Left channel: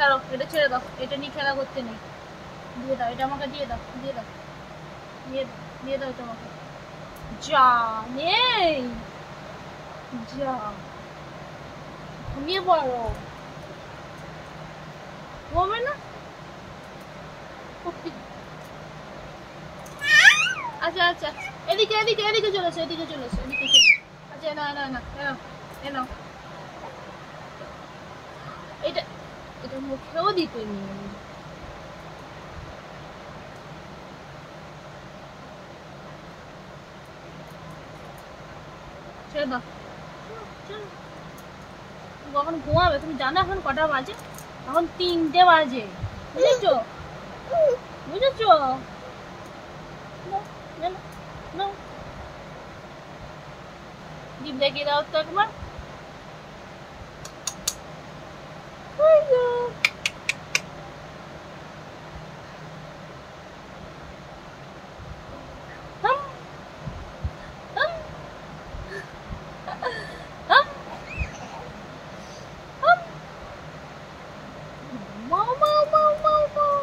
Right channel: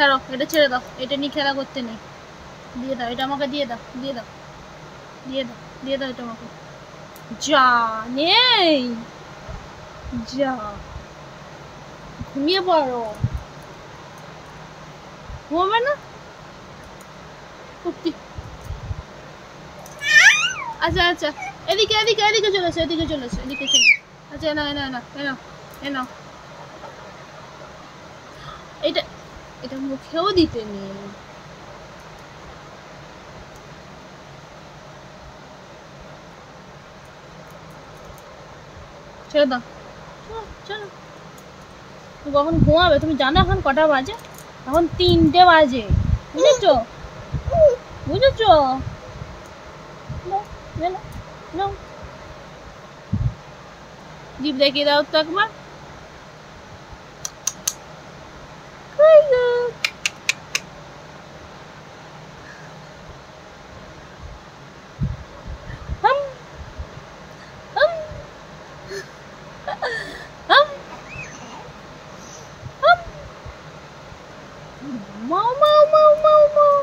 ছাড়ো, এটা ছেড়ে দাও, এটা নিয়ে খেলা করতে নেই। দিয়ে দাও, এটা আমাকে দিয়ে দাও, দিয়ে দাও, দিয়ে দাও, দিয়ে দাও এটা আমাকে। যা নেই, যা ঘুমিয়ে পড়ো। ঘুমাবে না? আচ্ছা আচ্ছা, এদিকে এদিকে এদিকে চলেছে, এদিকে চলেছে, এদিকে চলে। আচ্ছা এনা এনা এনা এনা এনা, এটা এটা মুখেও দিতে নেই। ছেড়ে দাও, চলো। কখন ঘুমাবে? তুমি জানো এখন কটা বাজে? এখন 3টে বাজে, বুঝেছো? বুঝেছো? জিভ দেখিয়ে দাও তো একবার। Mau mau mau mau mau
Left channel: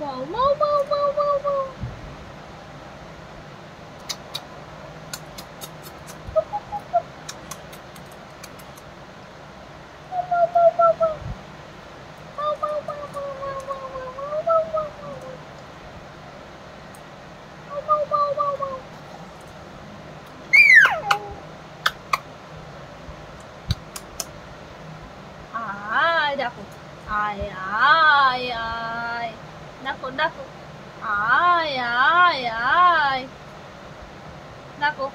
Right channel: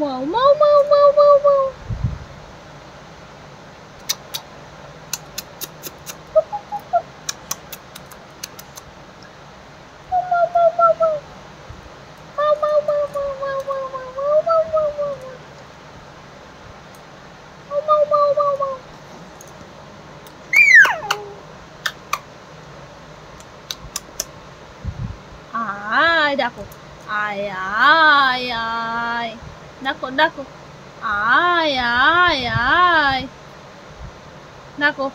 mau mau mau mau mau mau. দেখো, আয় আয় আয়, দেখো দেখো, আয় আয় আয়, দেখো।